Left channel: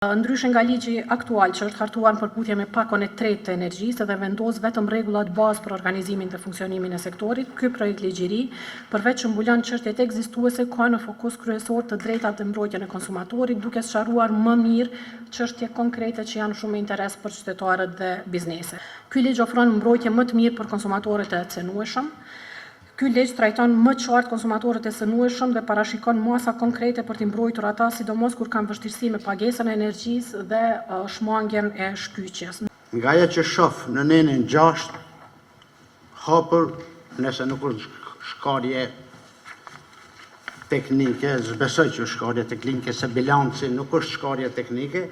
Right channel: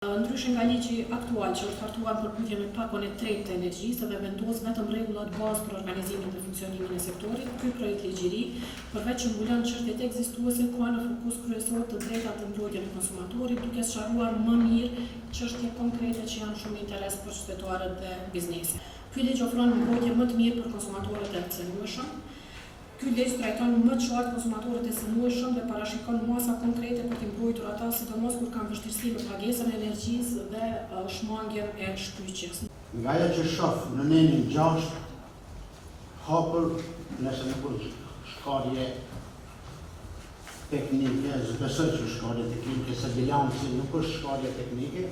Ndryshe nga ligji aktual që është hartuar në përputhje me pakon e tretë të energjisë dhe vendos vetëm rregullat bazë për organizimin dhe funksionimin e sektorit, ky projekt ligjëri, përveç që mbulon çështjet ekzistuese, ka në fokus kryesor të drejtat dhe mbrojtjen e konsumatorit, duke sqaruar më mirë çështje konkrete që janë shumë interes për qytetarët dhe bizneset. Ky ligj ofron mbrojtje më të mirë për konsumatorët e cënueshëm. Ky ligj trajton më qartë konsumatorët e cënueshëm dhe parashikon masa konkrete për t'i mbrojtur ata, sidomos kur kanë vështirësi me pagesën e energjisë dhe shmangjen e shkyqjes. Nga ajo që shoh në nenin 6, hapur, nëse nuk është shkarje teknike, zbesoj që është shkarje teknike, se bilanci nuk është shkarje teknike,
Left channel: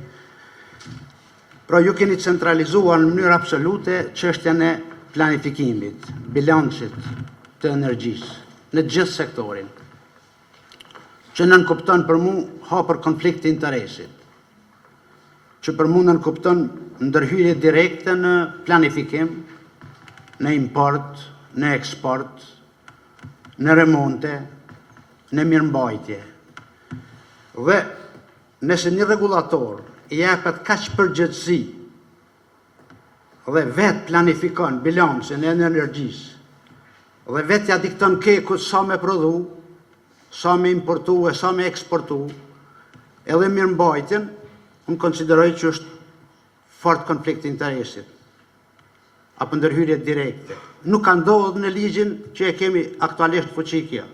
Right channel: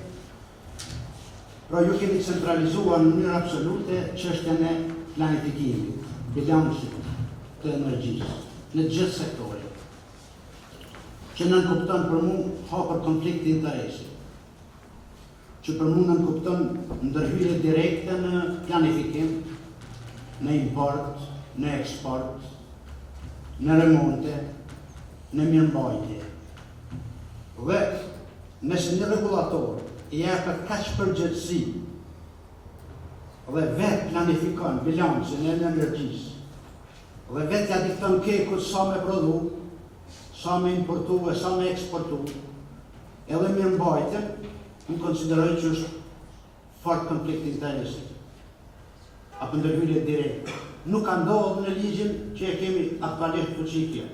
pra ju keni centralizuar në mënyrë absolute çështjen e planifikimit, bilancit të energjisë, në gjithë sektorin, që nënkupton për mu hapër konflikt të interesit, që për mu nënkupton ndërhyrje direkte në planifikim, në import, në eksport, në remonte, në mirëmbajtje. Dhe nëse një regulator i japet kaq përgjegjësi dhe vetë planifikon bilancin e energjisë, dhe vetë ja dikton kekut sa me prodhu, sa me importu e sa me eksportu, edhe mirëmbajtjen, unë konsideroj që është fort konflikt interesit, apo ndërhyrje direkte. Nuk ka ndodhur në ligjin që e kemi aktualisht fuqikja.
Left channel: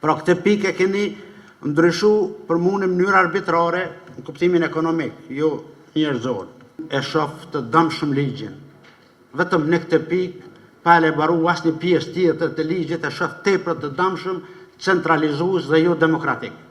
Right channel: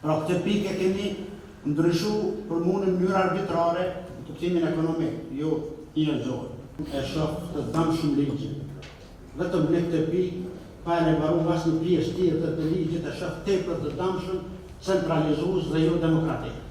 Pra këtë pikë e keni ndryshu për mu në mënyrë arbitrare në kuptimin ekonomik, jo njerëzor. E shoh të dëmshëm ligjin. Vetëm në këtë pikë pa e baru asnjë pjesë tjetër të ligjit e shoh tepër të dëmshëm, centralizues dhe jo demokratik.